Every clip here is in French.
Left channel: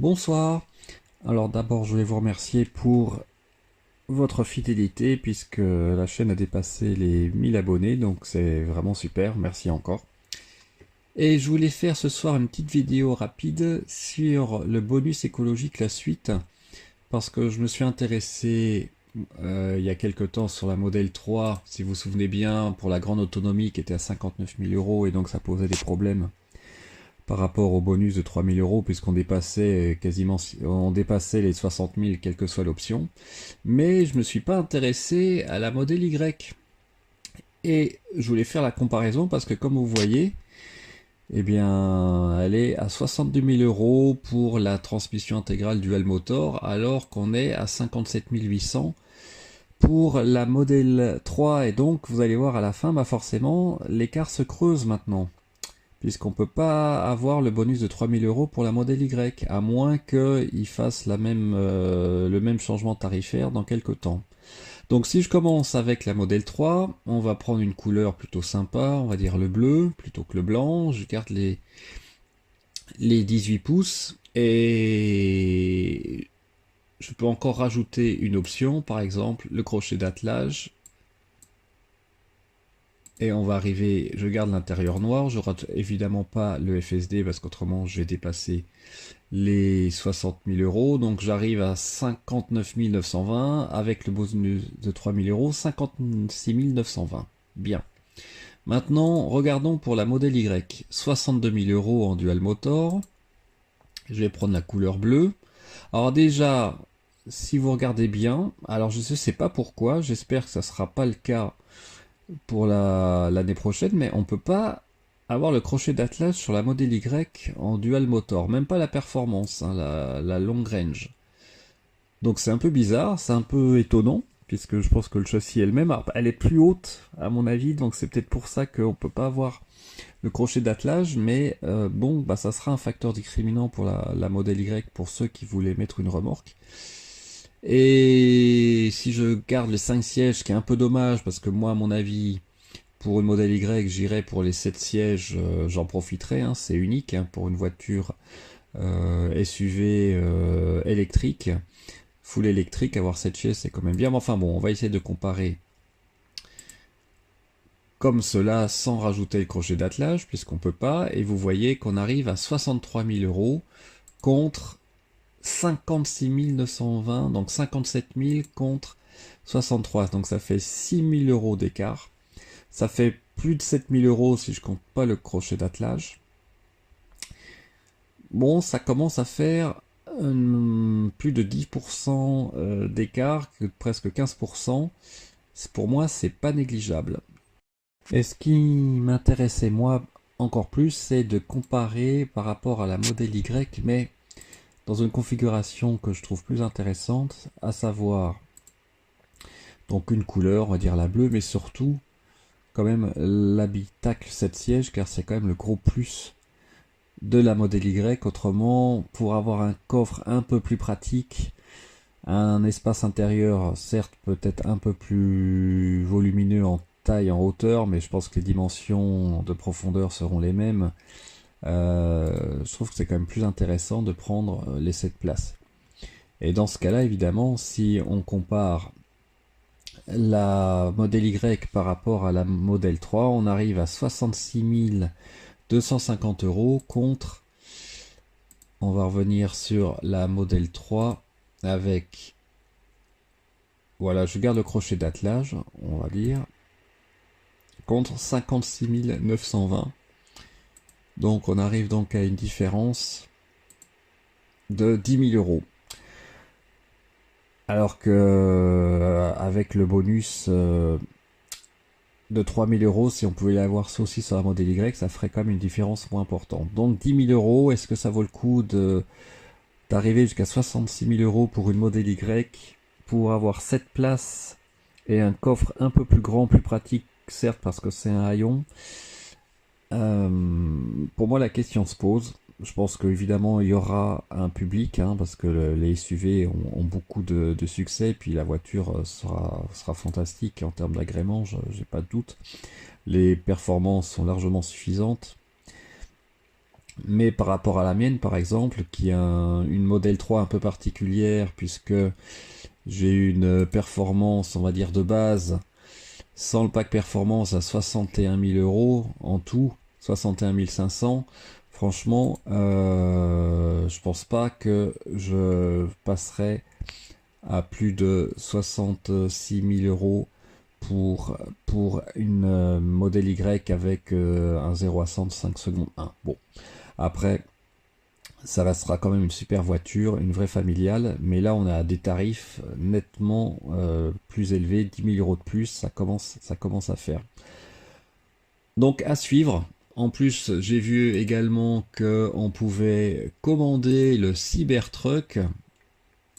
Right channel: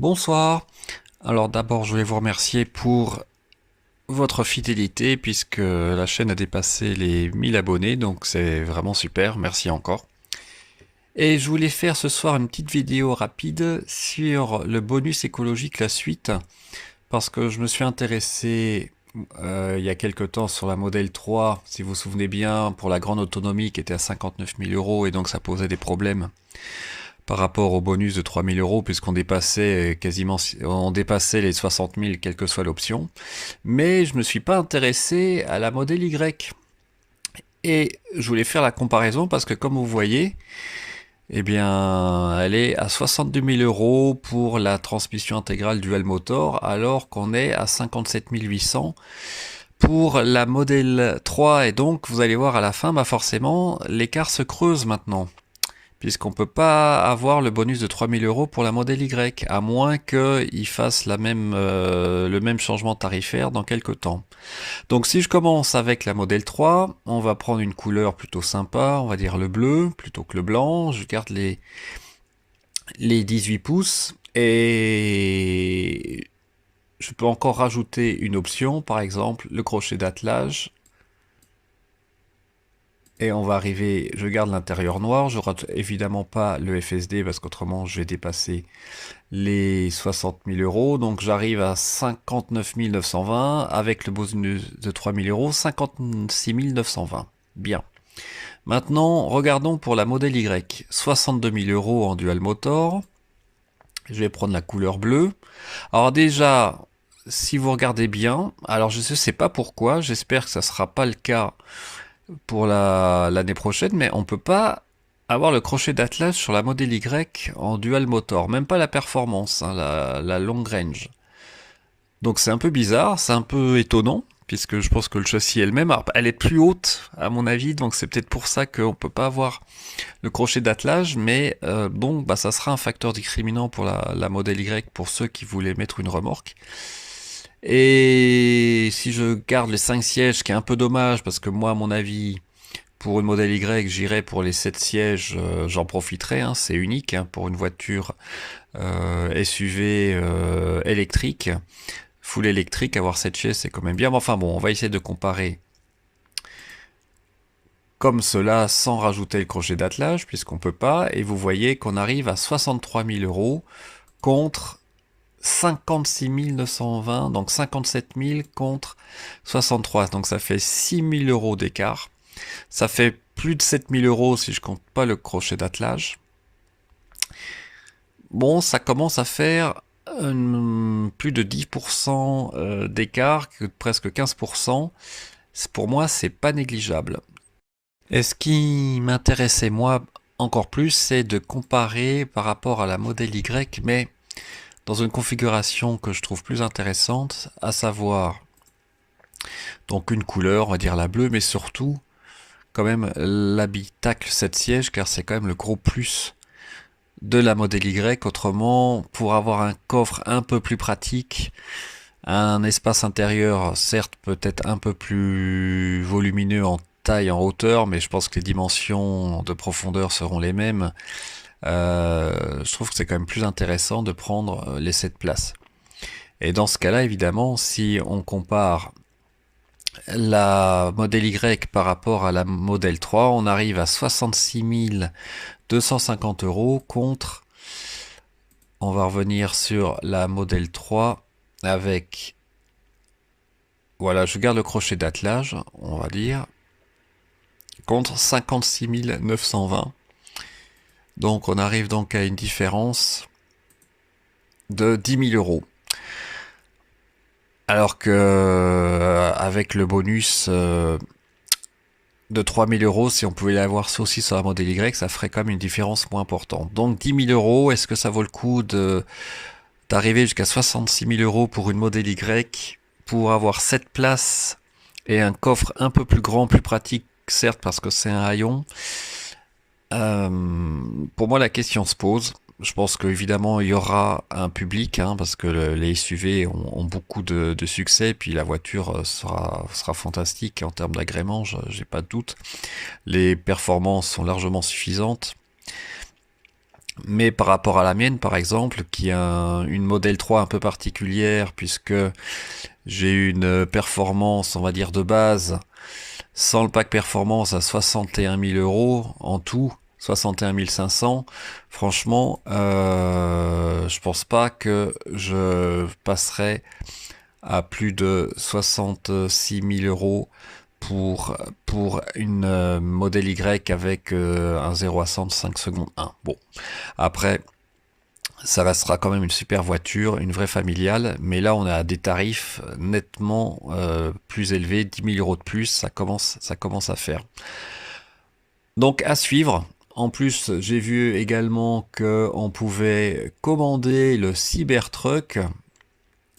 Bonsoir. Alors d'abord, je voulais vous remercier pour votre fidélité puisque la chaîne a dépassé les 1000 abonnés, donc c'est vraiment super, merci encore. Et je voulais faire ce soir une petite vidéo rapide sur le bonus écologique, la suite, parce que je me suis intéressé il y a quelque temps sur la Model 3, si vous vous souvenez bien, pour la grande autonomie qui était à 59 000 euros et donc ça posait des problèmes par rapport au bonus de 3 000 euros puisqu'on dépassait on dépassait les 60 000 quelle que soit l'option. Mais je ne me suis pas intéressé à la Model Y. Et je voulais faire la comparaison parce que comme vous voyez, eh bien, elle est à 62 000 euros pour la transmission intégrale dual motor alors qu'on est à 57 800 pour la Model 3. Et donc, vous allez voir à la fin, bah forcément, l'écart se creuse maintenant, puisqu'on ne peut pas avoir le bonus de 3 000 euros pour la Model Y, à moins qu'il fasse le même changement tarifaire dans quelques temps. Donc si je commence avec la Model 3, on va prendre une couleur plutôt sympa, on va dire le bleu plutôt que le blanc. Je garde les 18 pouces, et je peux encore rajouter une option, par exemple le crochet d'attelage. Et on va arriver, je garde l'intérieur noir, je rate évidemment pas le FSD parce qu'autrement je vais dépasser les 60 000 euros. Donc j'arrive à 59 920 avec le bonus de 3 000 euros, 56 920. Bien. Maintenant, regardons pour la Model Y. 62 000 euros en dual motor. Je vais prendre la couleur bleue. Alors déjà, si vous regardez bien, alors je ne sais pas pourquoi, j'espère que ça ne sera pas le cas pour l'année prochaine, mais on peut pas avoir le crochet d'attelage sur la Model Y en dual motor, même pas la performance, hein, la long range. Donc c'est un peu bizarre, c'est un peu étonnant, puisque je pense que le châssis est le même. Alors, elle est plus haute à mon avis, donc c'est peut-être pour ça qu'on peut pas avoir le crochet d'attelage, mais bon, bah, ça sera un facteur discriminant pour la Model Y pour ceux qui voulaient mettre une remorque. Et si je garde les 5 sièges, ce qui est un peu dommage, parce que moi, à mon avis, pour une Model Y, j'irai pour les 7 sièges, j'en profiterai, hein, c'est unique hein, pour une voiture SUV électrique, full électrique, avoir 7 sièges, c'est quand même bien. Mais enfin bon, on va essayer de comparer comme cela sans rajouter le crochet d'attelage, puisqu'on peut pas, et vous voyez qu'on arrive à 63 000 euros contre 56 920, donc 57 000 contre 63, donc ça fait 6 000 euros d'écart. Ça fait plus de 7 000 euros si je compte pas le crochet d'attelage. Bon, ça commence à faire plus de 10% d'écart, presque 15%. Pour moi, c'est pas négligeable. Et ce qui m'intéressait moi encore plus, c'est de comparer par rapport à la Model Y, mais dans une configuration que je trouve plus intéressante, à savoir donc une couleur, on va dire la bleue, mais surtout quand même l'habitacle 7 sièges, car c'est quand même le gros plus de la Model Y. Autrement, pour avoir un coffre un peu plus pratique, un espace intérieur certes peut-être un peu plus volumineux en taille, en hauteur, mais je pense que les dimensions de profondeur seront les mêmes. Je trouve que c'est quand même plus intéressant de prendre les 7 places. Et dans ce cas-là, évidemment, si on compare la Model Y par rapport à la Model 3, on arrive à 66 250 euros contre, on va revenir sur la Model 3 avec, voilà, je garde le crochet d'attelage, on va dire, contre 56 920. Donc on arrive donc à une différence de 10 000 euros. Alors que avec le bonus de 3 000 euros, si on pouvait l'avoir ça aussi sur la Model Y, ça ferait quand même une différence moins importante. Donc 10 000 euros, est-ce que ça vaut le coup d'arriver jusqu'à 66 000 euros pour une Model Y, pour avoir 7 places et un coffre un peu plus grand, plus pratique, certes parce que c'est un haillon. Pour moi, la question se pose. Je pense qu'évidemment, il y aura un public, hein, parce que les SUV ont beaucoup de succès, puis la voiture sera fantastique en termes d'agrément, j'ai pas de doute. Les performances sont largement suffisantes. Mais par rapport à la mienne, par exemple, qui a une modèle 3 un peu particulière, puisque j'ai une performance, on va dire, de base, sans le pack performance à 61 000 euros en tout, 61 500. Franchement, je pense pas que je passerai à plus de 66 000 euros pour une modèle Y avec un 0 à 100 de 5 secondes 1. Bon, après, ça restera quand même une super voiture, une vraie familiale, mais là on a des tarifs nettement plus élevés, 10 000 euros de plus, ça commence à faire. Donc à suivre. En plus, j'ai vu également qu'on pouvait commander le Cybertruck.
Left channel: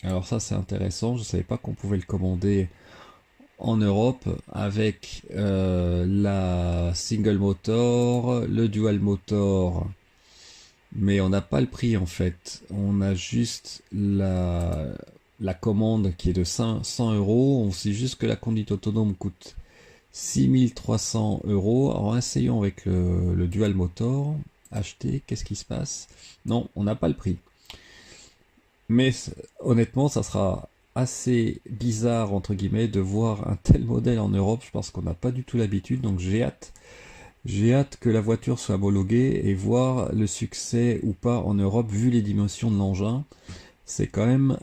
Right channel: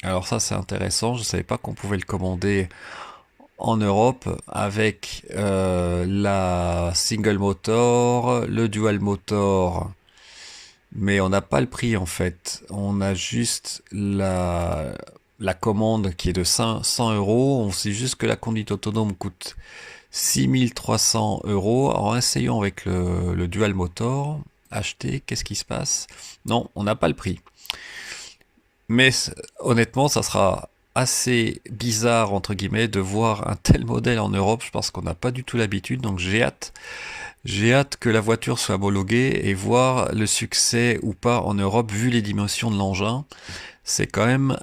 Alors ça c'est intéressant, je ne savais pas qu'on pouvait le commander en Europe avec la single motor, le dual motor, mais on n'a pas le prix en fait. On a juste la commande qui est de 100 euros. On sait juste que la conduite autonome coûte 6300 euros. En essayant avec le dual motor, acheter, qu'est-ce qui se passe? Non, on n'a pas le prix. Mais honnêtement, ça sera assez bizarre, entre guillemets, de voir un tel modèle en Europe. Je pense qu'on n'a pas du tout l'habitude, donc j'ai hâte. J'ai hâte que la voiture soit homologuée et voir le succès ou pas en Europe, vu les dimensions de l'engin. C'est quand même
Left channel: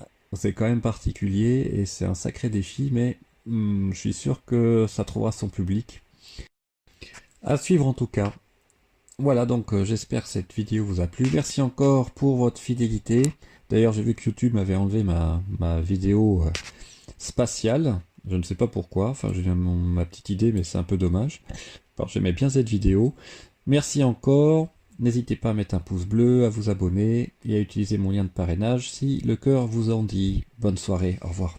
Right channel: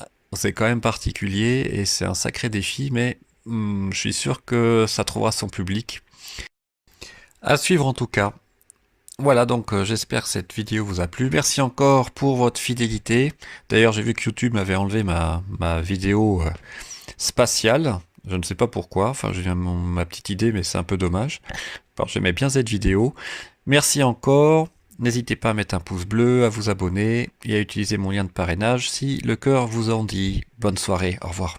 particulier et c'est un sacré défi, mais je suis sûr que ça trouvera son public. À suivre en tout cas. Voilà, donc j'espère que cette vidéo vous a plu. Merci encore pour votre fidélité. D'ailleurs, j'ai vu que YouTube m'avait enlevé ma vidéo spatiale. Je ne sais pas pourquoi. Enfin, j'ai ma petite idée, mais c'est un peu dommage. Alors, j'aimais bien cette vidéo. Merci encore. N'hésitez pas à mettre un pouce bleu, à vous abonner et à utiliser mon lien de parrainage si le cœur vous en dit. Bonne soirée, au revoir.